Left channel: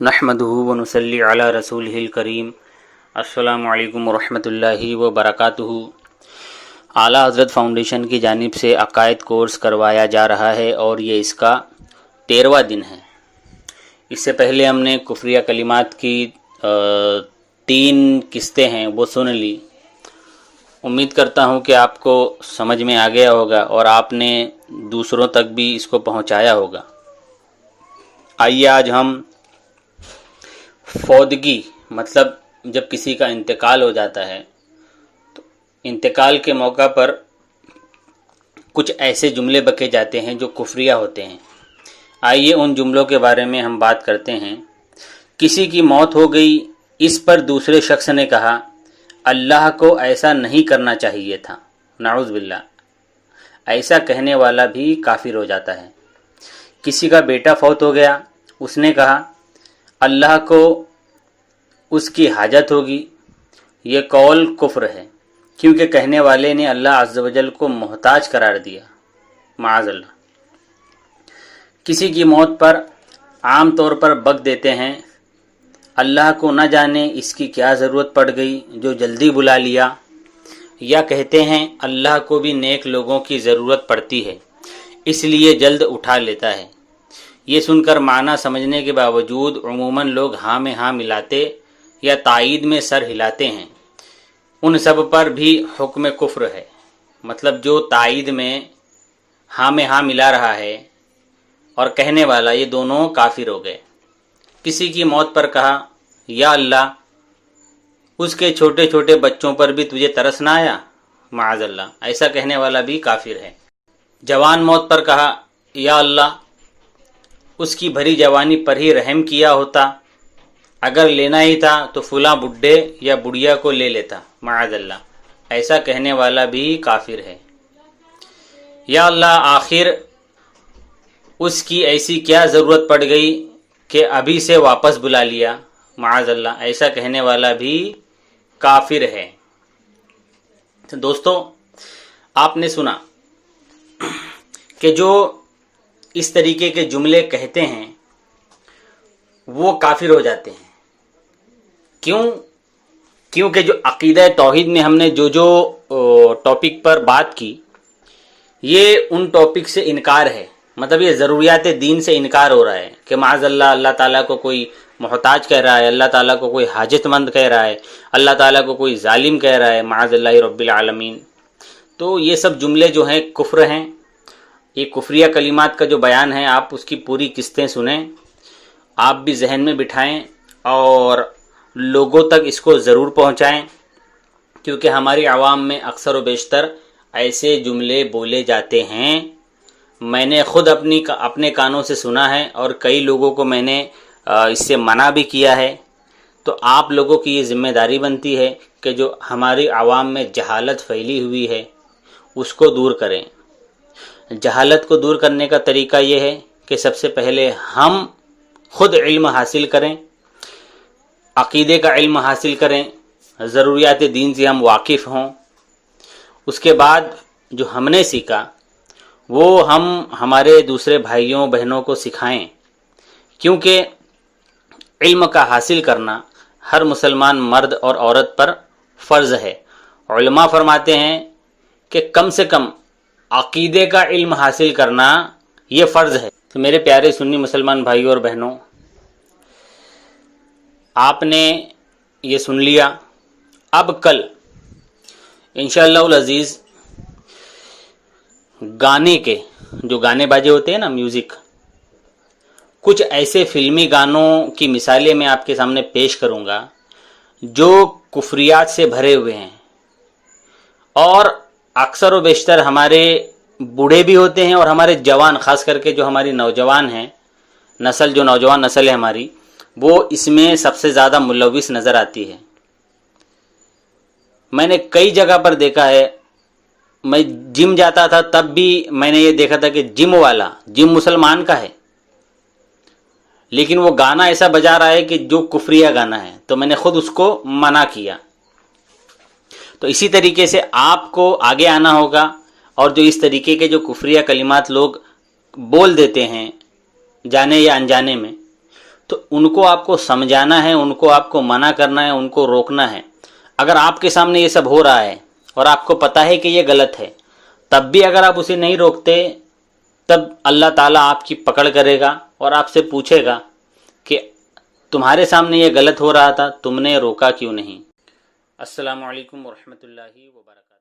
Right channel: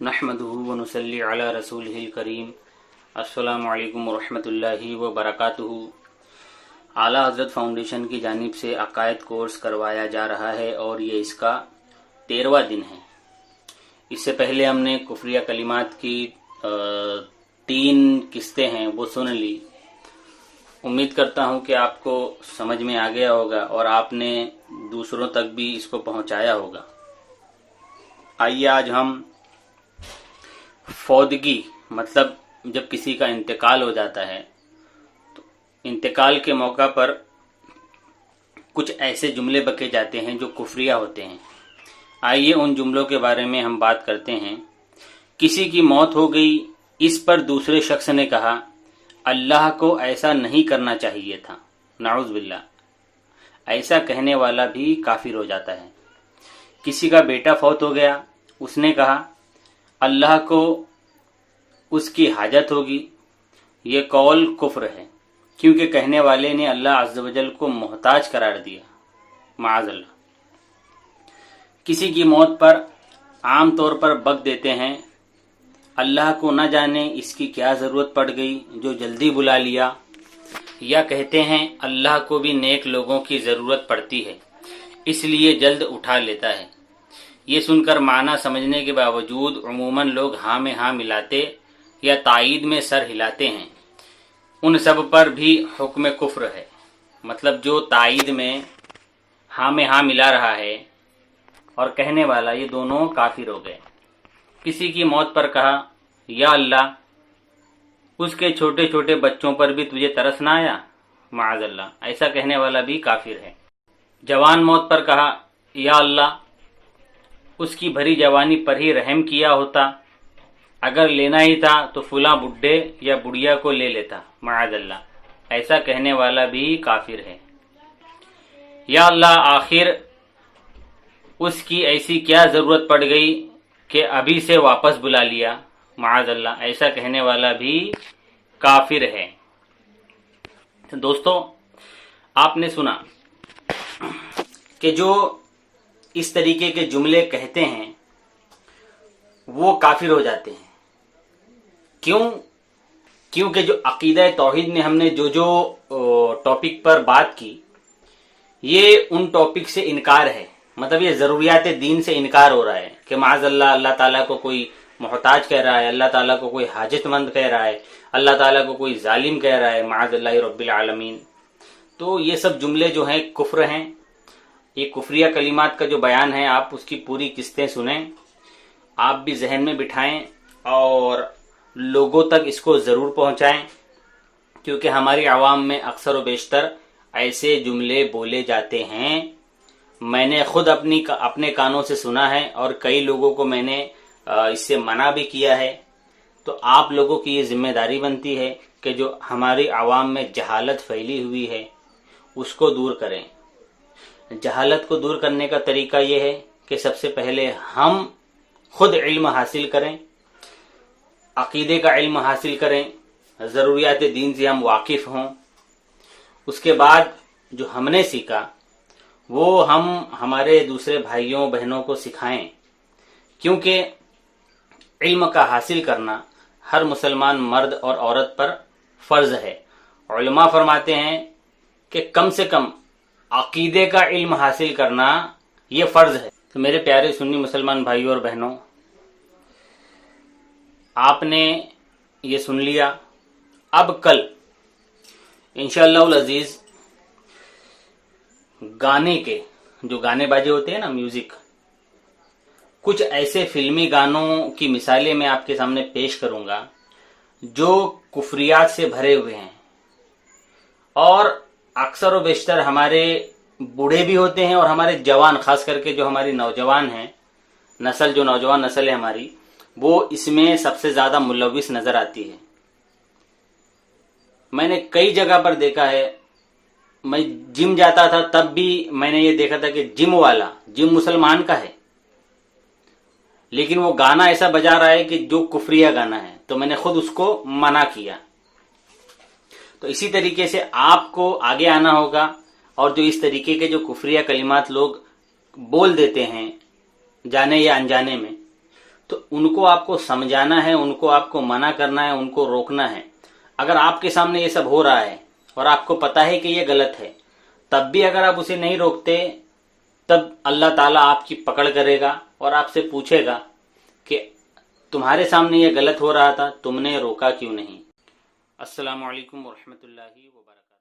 नहमदुहु व नुसल्ली अला रसूलिहिल करीम। अस्सलामु अलैकुम वरहमतुल्लाहि व बरकातुहू। आला हज़रत फ़ाउंडेशन की जानिब से अकायद कोर्स करवाया जा रहा है और ये इसका 13वां दिन है। इससे पहले हमने कुफ्रिया कलिमात की 3 किस्तें हैं वो सुन ली। उम्मीद करता हूँ कि आपको समझ में आ गया होगा और आपने दूसरों तक भी इसको पहुँचाया होगा। आइए आज हम फौदगी मतलब जब किसी का इंतकाल हो जाता है तो इंतकाल के मौका पर कुछ ऐसे जुमले बके जाते हैं जो कुफ्रिया होते हैं। आइए उन जुमलों के बारे में हम बात करते हैं। किसी की मौत हो गई, इस पर दूसरे शख्स ने कहा अल्लाह को ऐसा नहीं करना चाहिए था। नाउज़ बिल्लाह। ऐसा कहने वाला भी काफिर हो जाता है। किसी का बेटा फौत हो गया, उसने कहा अल्लाह को उसकी हाजत होगी। ये कौल कुफ्र है क्योंकि कहने वाले ने अल्लाह अज़्ज़ व जल को मोहताज करार दिया। माअज़ल्लाह। किसी की मौत पर आम तौर पर बक देते हैं अल्लाह को न जाने इसकी क्या ज़रूरत पड़ गई जो जल्दी बुला लिया, या कहते हैं अल्लाह को भी नेक लोगों की ज़रूरत पड़ती है इसलिए जल्द उठा लेता है। ये सुनकर माना समझने के बावजूद उमूमन लोग हाँ में हाँ मिलाते या तायीद में सर हिलाते हैं। उन सब पर भी हुक्म कुफ्र है। मतलब जो तायीद में हाँ मिला रहा है और कहने वाला, ये दोनों काफिर हो गए। किसी की मौत पर कहा या अल्लाह उसके छोटे छोटे बच्चों पर भी तुझे तरस ना आया। माअज़ल्लाह। ऐसा कहने वाला भी काफिर है। जवान मौत पर कहा या अल्लाह उसकी भरी जवानी पर ही रहम किया होता, अगर लेना ही था तो फुला बुड्ढे या बुढ़िया को ले लेता। माअज़ल्लाह। ऐसा कहने वाला भी काफिर है। या अल्लाह आखिर उसकी ऐसी क्या ज़रूरत पड़ गई कि अभी से वापस बुला लिया। माअज़ल्लाह। ऐसा कहने वाला भी काफिर है। तो दोस्तों, आपने सुना कि जो इस तरीके के जुमले कहते हैं वो काफिर हो जाते हैं। क्यों? क्योंकि जो अकीदा तौहीद में हमने जो टॉपिक पर बात की, ये उन टॉपिक से इनकार है। मतलब ये ज़रूरियात दीन से इनकार हो रहा है कि माअज़ल्लाह अल्लाह ताला को कोई मोहताज कह रहा है, अल्लाह ताला को कोई हाजतमंद कह रहा है, अल्लाह ताला को कोई जालिम कह रहा है। माअज़ल्लाह रब्बिल आलमीन। तो ये सब जुमले जो हैं कुफ्र हैं। ये कुफ्रिया कलिमात का जो बयान है आप उसकी पूरी किस्तें सुनें, आप भी जहन में बिठाएं और लोगों तक इसको ज़रूर पहुंचाएं, क्योंकि हमारी आवाम में अक्सर व बेशतर ऐसे जुमले बोले जाते हैं। मैंने खुद अपने कानों से सुना है और कई लोगों को मैंने इससे मना भी किया है। तो आप लोगों की ये जिम्मेदारी बनती है कि जो हमारी आवाम में जहालत फैली हुई है उसको दूर करें। जहालत को दूर करने का तरीका ये है कि सबसे पहले हम खुद इल्म हासिल करें, अकीदे का इल्म हासिल करें, ज़रूरियात दीन से हम वाकिफ़ हों। उसके बाद जो हमने सीखा वो हम हमारे दूसरे भाइयों बहनों को सिखाएं, क्योंकि इल्म का हासिल करना हर मुसलमान मर्द और औरत पर फ़र्ज़ है। उलमा फरमाते हैं कि कम से कम अकीदे का इल्म हासिल करना ये फ़र्ज़ है। तो मेरे प्यारे सुन्नी मुसलमान भाइयों और बहनों, आपने ये सुन लिया। अब कल इंशाअल्लाह अज़ीज़ गाने के जो गाने बाजे होते हैं ना, म्यूज़िक, कुछ ऐसे फिल्मी गानों की मिसालें मैं आपके सामने पेश करूँगा जो कुफ्रियात से भरे हुए हैं। और अक्सर व बेशतर हमारे बूढ़े भी होते हैं और हमारे जवान, ख़ास करके जो हमारी नौजवान हैं नस्ल, जो नौजवान नस्ल है हमारी, वो इसमें सबसे ज़्यादा मुलव्विस नज़र आती है। मैंने कई जगह पर देखा है। मैं जिम जाता था तब भी मैंने ये देखा था कि जिम मुसलमान का है, लेकिन वो गाना ऐसा बजा रहा है कि जो कुफ्रिया गाना है, तो मैंने खुद उसको मना किया। तो इसी तरीके से आपको आगे आना होगा और जो इस तरीके के जो कुफ्रिया कलिमात लोग बोल देते हैं जाने या अनजाने में, تو ان کو آپ کو سمجھانا ہے، ان کو آپ کو منع کرنا ہے، ان کو روکنا ہے۔ اگر آپ کے سامنے یہ سب ہو رہا ہے اور آپ کو پتہ ہے کہ یہ غلط ہے، تب بھی اگر آپ اسے نہیں روکتے، تب اللہ تعالیٰ آپ کی پکڑ کرے گا اور آپ سے پوچھے گا کہ تمہارے سامنے یہ غلط ہو رہا تھا، تم نے روکا کیوں نہیں۔ السلام علیکم ورحمۃ اللہ وبرکاتہ۔